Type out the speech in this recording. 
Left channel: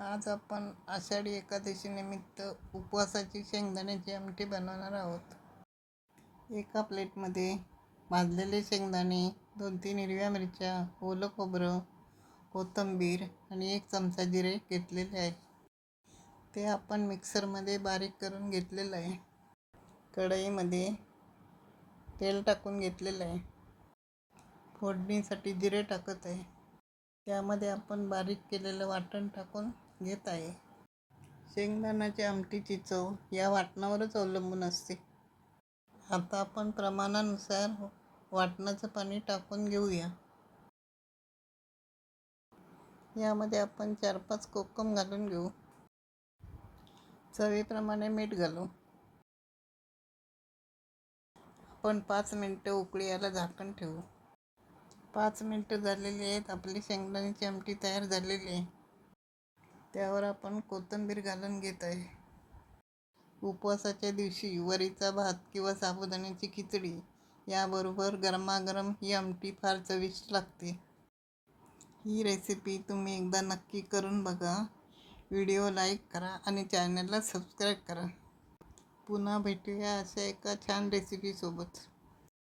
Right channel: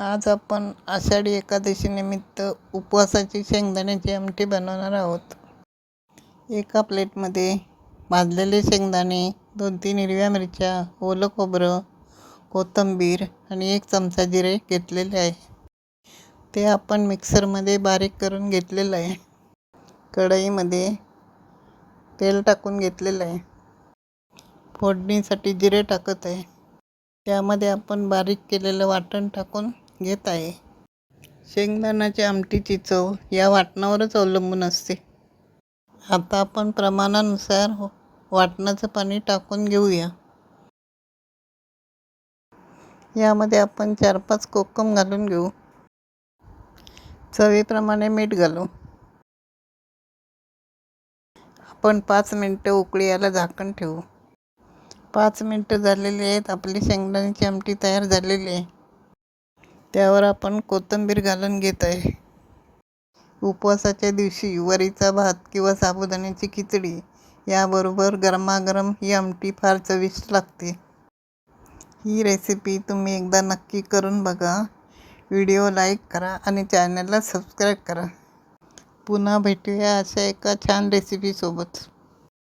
आज आपण आषाढी एकादशीनिमित्त उपवासाची शेंगदाण्याची आमटी बनवणार आहोत. एका प्लेटमध्ये भाजलेले शेंगदाणे, 2-3 हिरव्या मिरच्या, ओलं खोबरं, कोथिंबीर आणि 1 चमचा जिरे घेतलेले आहे. ते आपण मिक्सरमध्ये बारीक करून घेतलेलं आहे. कढईमध्ये तेल टाकून घेतलेलं आहे. फोडणीसाठी जिरे टाकत आहे. त्यामध्ये आपण बारीक केलेलं वाटण टाकून घेत आहे. शेंगदाण्याच्या आमटीची चव या वाटणावरच अवलंबून असते. आता आपण प्रमाणानुसार वाटणाचं पाणी टाकून घेऊया. यामध्ये आपण 4-5 कोकम घालून घेऊ. चवीप्रमाणे मीठ घालू. आपण 5 मिनटं उकळी यायला झाकण ठेवू. 5 मिनटं झालेली आहेत. आपली शेंगदाण्याची आमटी तयार झालेली आहे. त्यावर आपण कोथिंबीर घालून घेत आहे. उपवासाच्या दिवशी वरीचा भात किंवा साबुदाण्याची खिचडी याबरोबर गरमागरम ही आमटी फार चविष्ट लागते. ही रेसिपी तुम्ही एकदा नक्की करून बघा. व्हिडिओ लाईक करा आणि चॅनलला सबस्क्राईब करा. पुन्हा भेटूया अशा एका छान रेसिपीसोबत.